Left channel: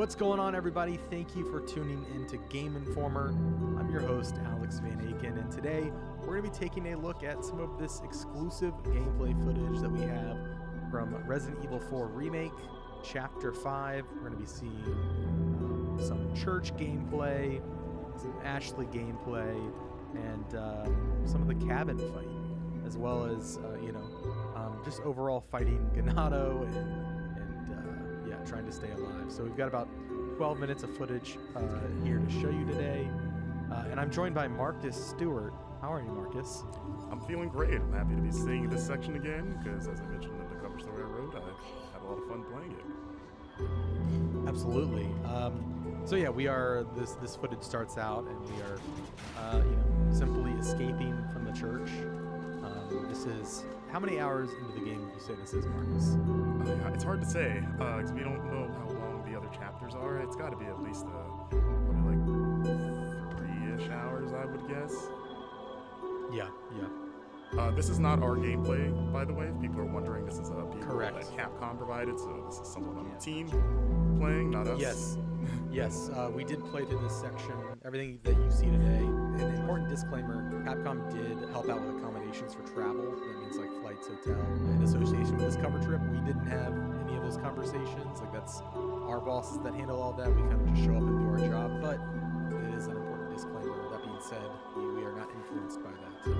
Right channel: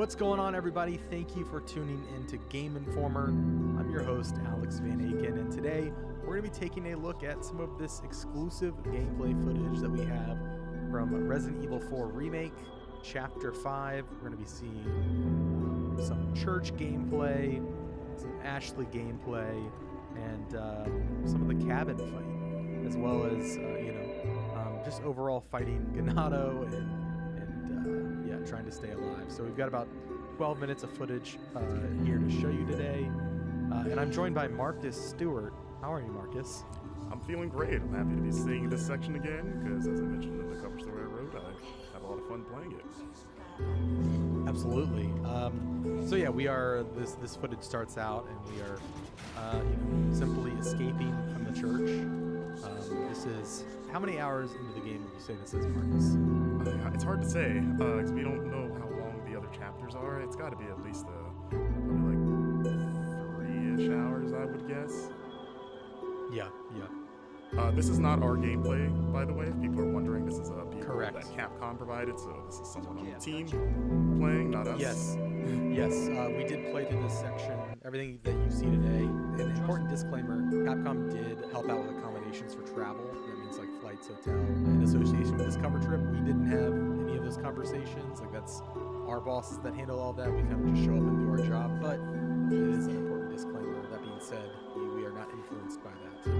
What's going on, everybody? Thank you for tuning in to Game Informer. I'm your host, Alex Van Aken, and today we're going to be taking a look at some of this exclusive gameplay footage that we have from Resident Evil 4 Remake, Chapter 5. We're going to be seeing some church gameplay, some Ashley gameplay, and some of the cabin fight, as well as, just overall fighting Ganado and trying to stay alive. So we've got about 12 minutes of footage here to show you today. And I'm joined by Marcus Stewart. How are you, Marcus? I'm feeling great. I'm happy to be seeing this section again because, as I mentioned in the cover story I wrote, I had a lot of fun playing it. Absolutely. We are. This footage starts out, and we are, simply escaping from the church. This is how many hours into the game would you say this is, Marcus? It's hard to say because we don't know how long the other chapters are. It's got to be at least probably like 3-ish hours, I would guess. Yeah. This is not our gameplay, by the way. If people are wondering, this is a Correct. that Capcom provided, so this is someone on the team playing, not us. Yes. We did play through this section. Everything that you see today. An important disclaimer: Capcom did help out with accommodations for travel. That means like flights, hotel. In association with this cover trip, we didn't have any of those conversations. Like that's our bosses that handle all that. We kind of just show up and do our job. But it is an important disclaimer. That being said, we are not influenced by that.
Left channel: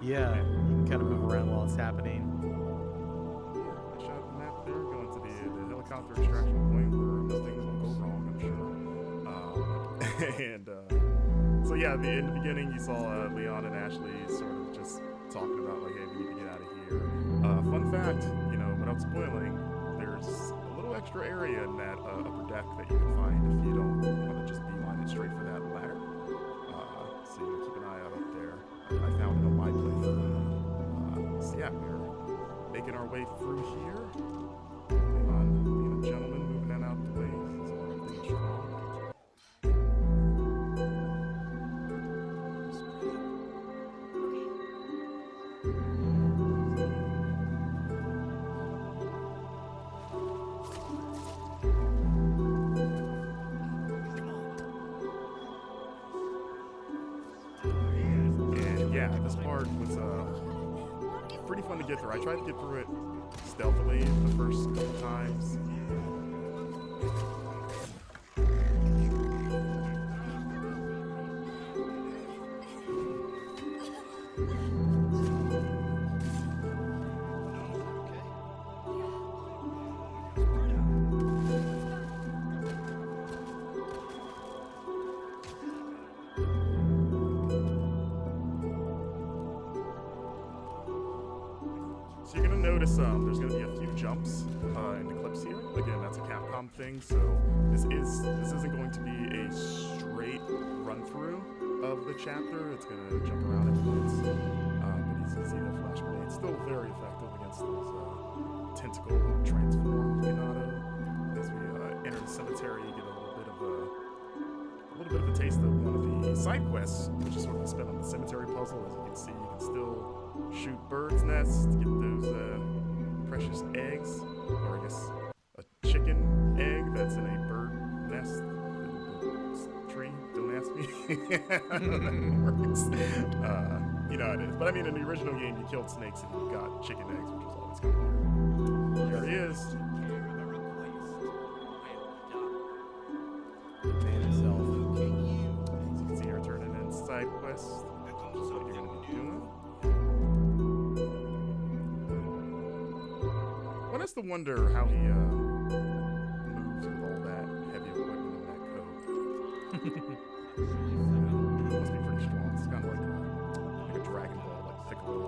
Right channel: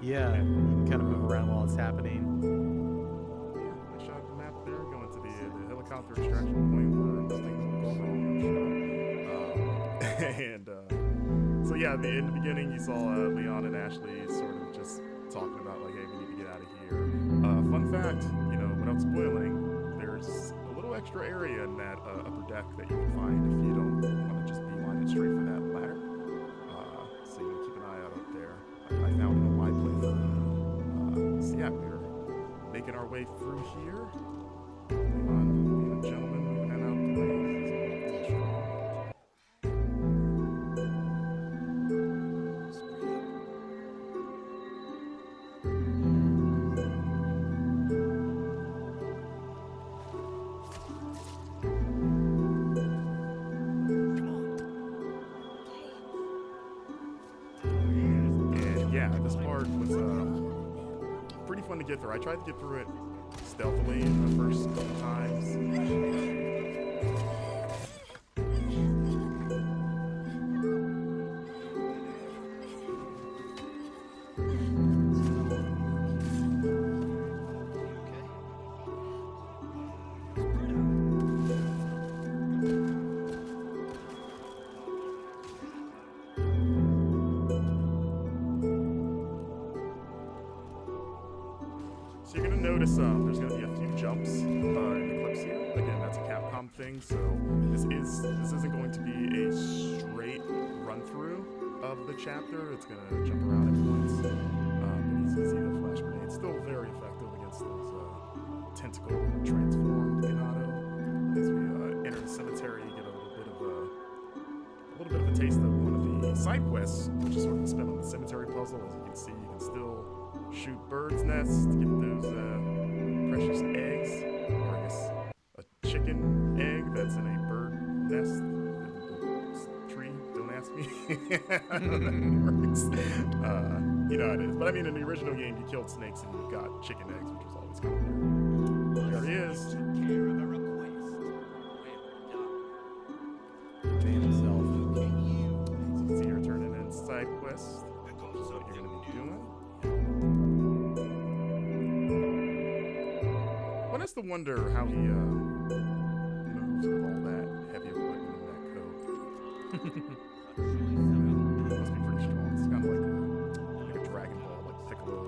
Yeah, you can kind of move around while it's happening. Yeah, I shot the map there, going to the helicopter extraction point where nothing will go wrong, I'm sure. In the beginning you saw Leon and Ashley sort of just talking about like, hey, we need to get out of here. Fun fact, without spoiling, there's a little extra area in that upper deck that you can find if you don't want to just beeline it straight for that ladder. So keep an eye out up there. I found it on my playthrough. We're making our way through here. Leon being a gentleman, moving that out the way. He's all strong. This part was pretty fun to get through. I tried to get through it stealthily the first couple times. Notice there's going to be a few jumps in the clips here. Again, that's a Capcom thing, so this isn't going to be a straight run-through of the chapter. It's going to jump around at points, but you can see the flash grenade. Still very effective against those tentacle transformed Ganado. As we enter the cemetery, you get a little bit of a taste of one of the side quests, which is sort of a spin on the cemetery puzzle. As you can see, you can still shoot birds' nests to get those precious eggs, or I guess a chicken egg that's in a bird nest in the tree. Don't ask me how that works. You know how it is. But I mean, in the original game, you killed snakes and you got chicken eggs, which was always kind of weird. There he is. Man himself. As you can see here, turning in side quest, which is what you're going to be doing. One has to wonder how he moves with all that heavy equipment in that coat. Must be pretty strong. It's kind of like a Dragon Ball, like Piccolo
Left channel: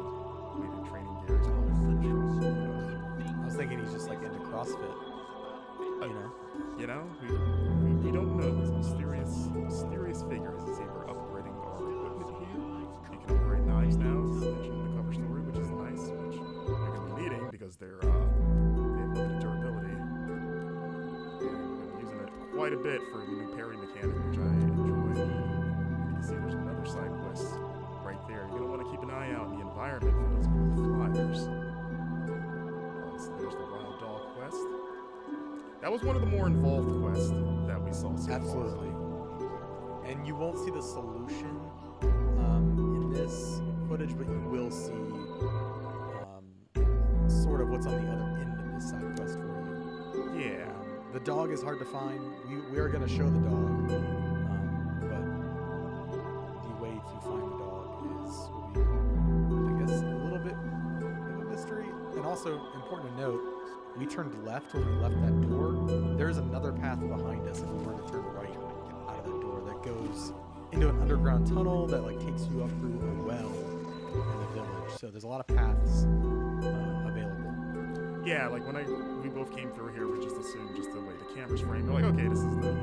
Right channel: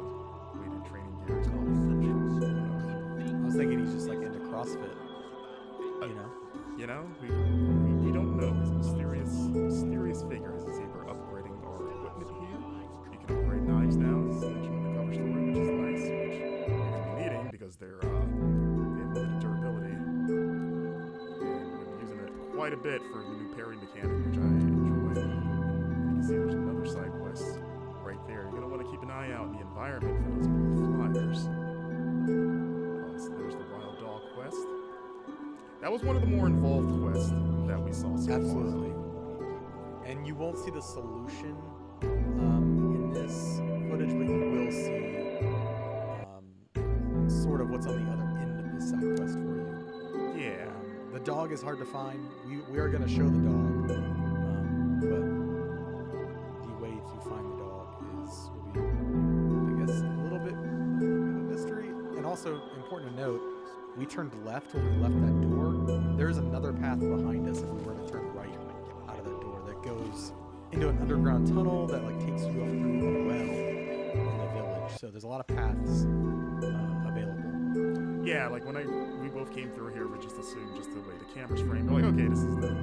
weighted training gear. He's probably pretty strong. I was thinking he's just like into CrossFit. We You don't know. He's a mysterious figure. As he's able upgrading our equipment here. You can upgrade knives now, as mentioned in the cover story, which is nice, which you're going to be needing because they have limited durability. And we're going to be using it quite a bit for the new parry mechanic, which I enjoy. And you can see there's another side quest right there. You're going to want to keep an eye out in the environment for those blue flyers. So there's the Wild Dog quest. That was one of the more involved quests that we saw so Absolutely. far. And you won't see the solution in this footage, but you will see sort of what's on the other end of this side quest for you. Yeah. The dog is hard to find. We are going to show the dog, but the way to find the dog will be, I guess, a little bit of a mystery. And also, important to note, we turned left when we left that door. There's another path behind us if we were to turn right out of that door that goes into an underground tunnel that like takes you up through a well in the village. So there's a lot of paths available. Yeah, like when we both came through here, we just assumed just the way the camera's framed. We're like, okay, this is the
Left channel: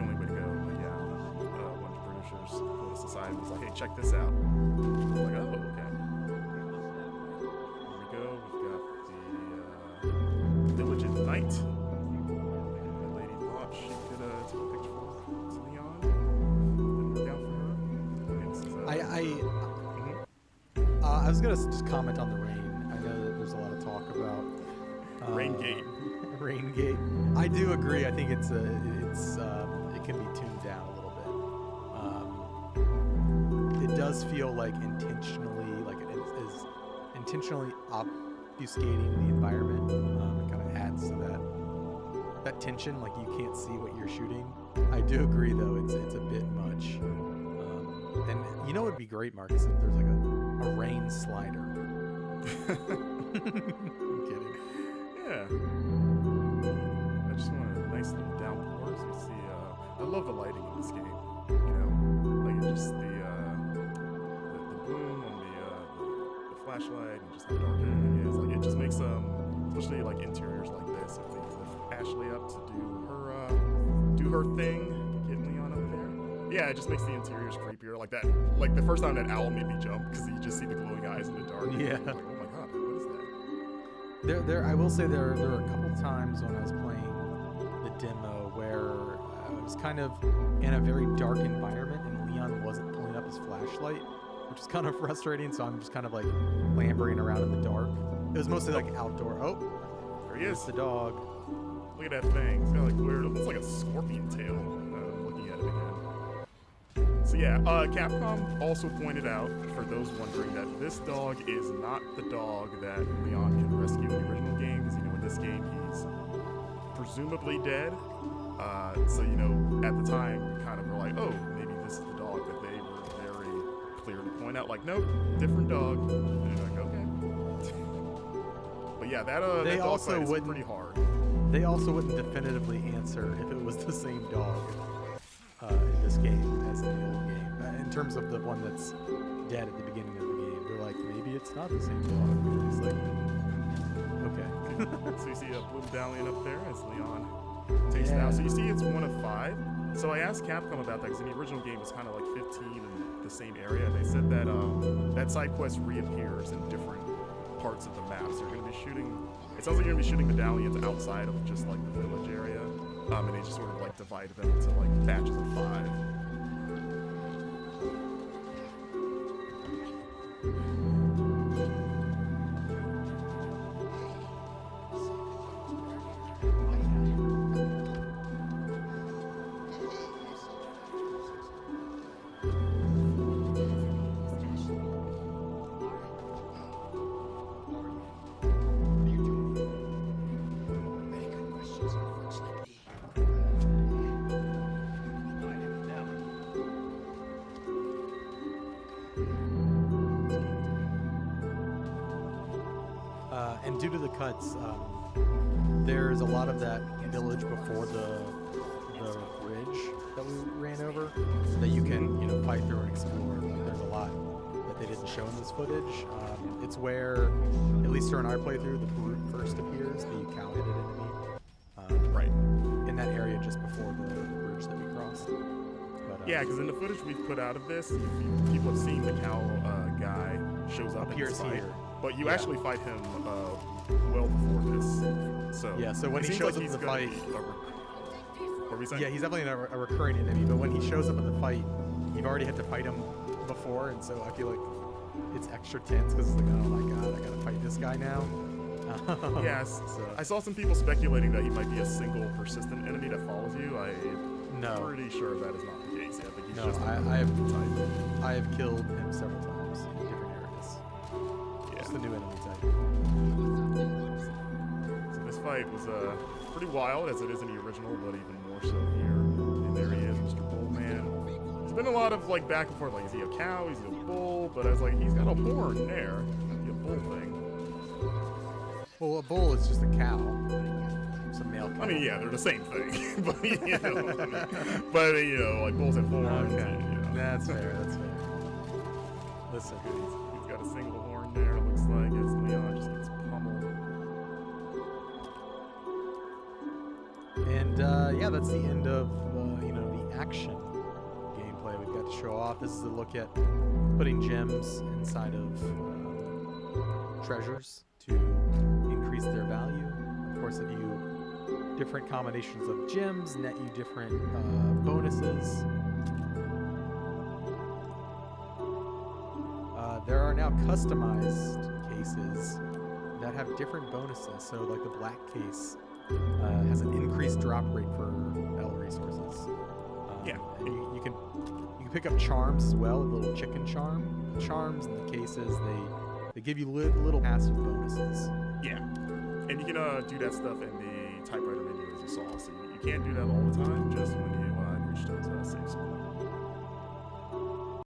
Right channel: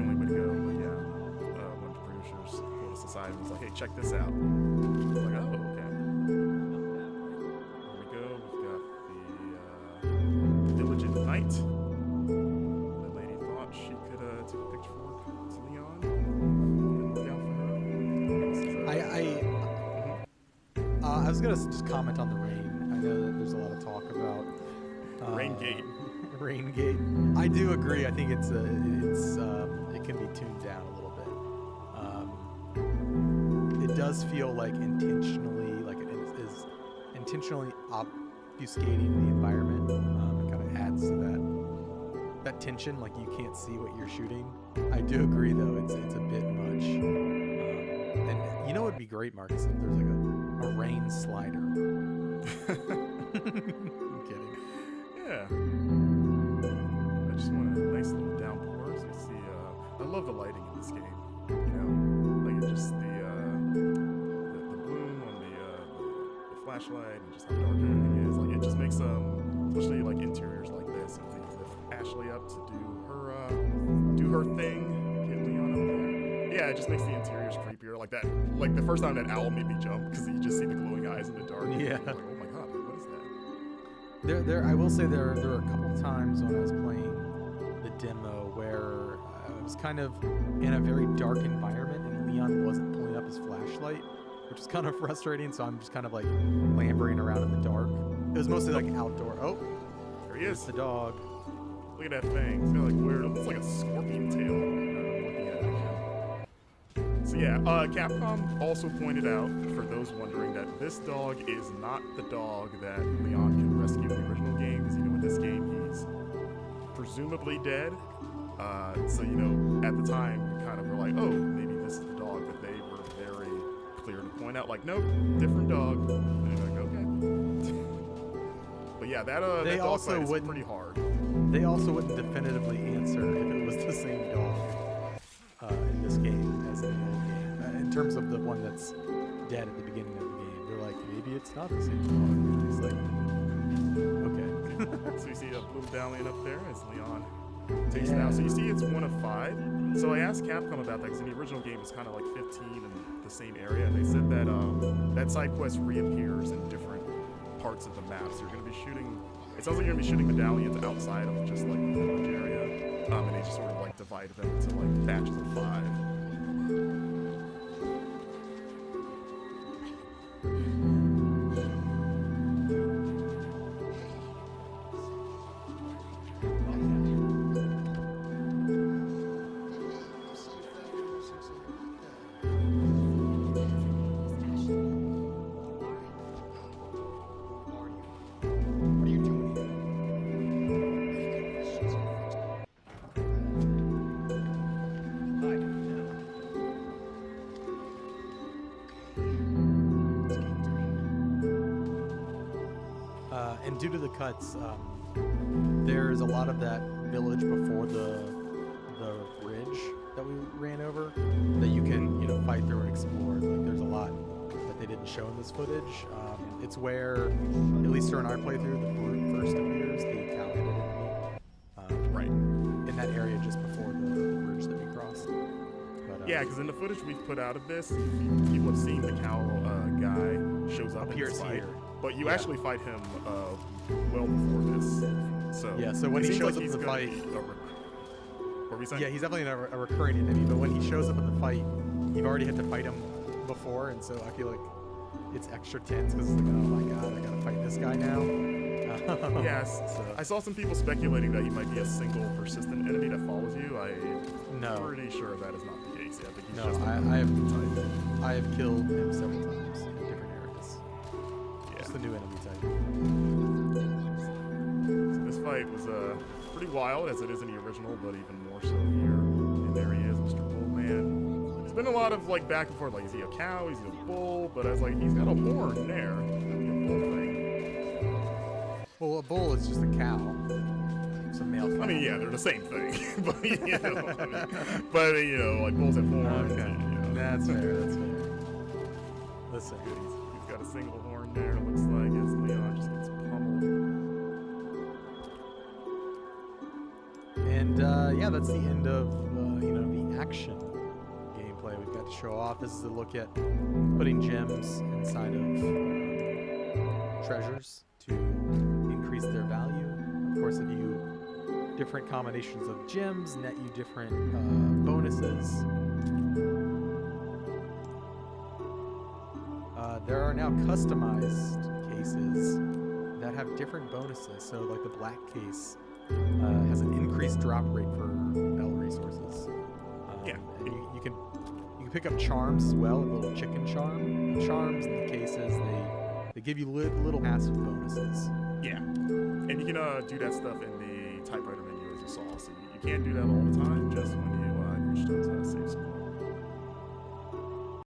only way to go. But yeah, one of the producers pulled us aside and was like, hey, check this out. We're like, oh, okay. Here we go. We've got the village at night. The lady thought she could take a picture to Leon. Didn't work out for her. And this is, I was gonna just comment on the rain. I know that there's a lot of talk about Raingate. Raingate. I do agree. I think it can be tuned down a little bit. It does feel like intentionally, like it is intentionally obfuscating the environment. It kind of adds to that tension, like you can't see what you're shooting. I do agree, though, it's a bit much. And you know, it'd be great, Marcus, if there's like a rain slider. I'm kidding. Yeah. I just want a nice little downpour. As you see, I love the lighting in this game. You know, like just the bloom on the flashlight and just how dark everything is. Like it just makes especially like interiors like this. If we lift Ashley up to do her thing, get Leon up there. Yeah, it just makes the interiors creepier. Like that. Like the first time that owl made me jump because you just see the glowing eyes in the dark. Yeah. Like, oh my god, like, what is that? I will say there were a couple times when I was playing the demo where I was kind of in a very dark environment and Leon wasn't pulling up his flashlight, which was kind of frustrating. So I'm just kind of like clambering around in the dark. It was mostly like outdoor. Oh, there he is. The dog. Look at that thing. It's got like weird. It looks like a scorpion tail. I'm looking at it again. So yeah, Capcom also pointed out, for those wondering, that this dog is not the dog that Leon can rescue in the original game, because, you know, in this game he's presumably dead. So, you know, at the time we kind of were like, oh, maybe this is the dog, that they were very clear to point out, like, nope, different dog. And you're like, okay. But yeah, that dog fight is pretty hard. They also wouldn't definitively answer if it was the same dog in this game as in the old game. In terms of the one that's dead at the beginning of the game, they're like, maybe it's not the same dog. It's like, okay. So you see a blue medallion up there as Leon takes it out. So you see it's 1 of 5. So I asked Capcom about that because in the original game it was kind of like 15 in the same area. And they said that that side quest reappears in different parts of the map. So you're going to be shooting, it sounds like you're going to be shooting medallions outside of just like the village area. And they just sort of like divided them into like batches of 5. And due to the cuts, there's a lot of that village before the bridge that we ran over that you can, you know, fight through and explore. Like, there's a lot that they didn't show in this footage. It's where, at least during our playthrough, the brute first appears, the cow-headed enemy. Right. And in that area just before the bridge that we crossed. But, yeah, because in the footage we've put out of this, people have seen the cow guy shows up in this appears fight, here. but you Yeah. actually fight him well before this. So Yeah, so when it he seems shows like up he's in the gonna fight- be what were we saying? Yeah, he's definitely a recurring enemy, but when he shows up in the fight, you've already had to fight him before, and so I feel like it's extra tense because it's like, oh my god, I gotta fight this guy now. Yes. So, I saw some people speculating that he might be a single persistent enemy that follows you. I'm no, pretty sure that is not the case. Yeah, I think he's No, just I another have- type. I have killed him several times in different areas. Yeah. Just the new enemy type. So this fight was pretty wild, as it is in the original, but even more so here. And there he is, Mr. Bullman. There's been a lot of like back and forth, like is he a cow, is he a bull? But I was like, he's got a horn there. That'd be a bull thing. Well, a bull is just a cow. It's a male cow. I mean, yeah, they're the same thing. But you know, like bulls have horns. Okay, And, you know. that's fair. That's fair. Listen, He's got a single horn there, it looks like, as Leon just gets pummeled. and yeah, that's the end of the action gameplay we've got to show off. This is a look at putting gems inside of treasures to increase their value. Of course, if you different combinations of gems net you different bonuses. There are now customized cases that have different bonuses. So like the black case has an increased drop rate for L resources. Yeah. And you can pick up charms as well, a little chicken charm. The charms and the cases, they give you little passive bonuses. Yeah. And you can do that stuff in the typewriter menu, as you saw. So you can't do that all the time, just when you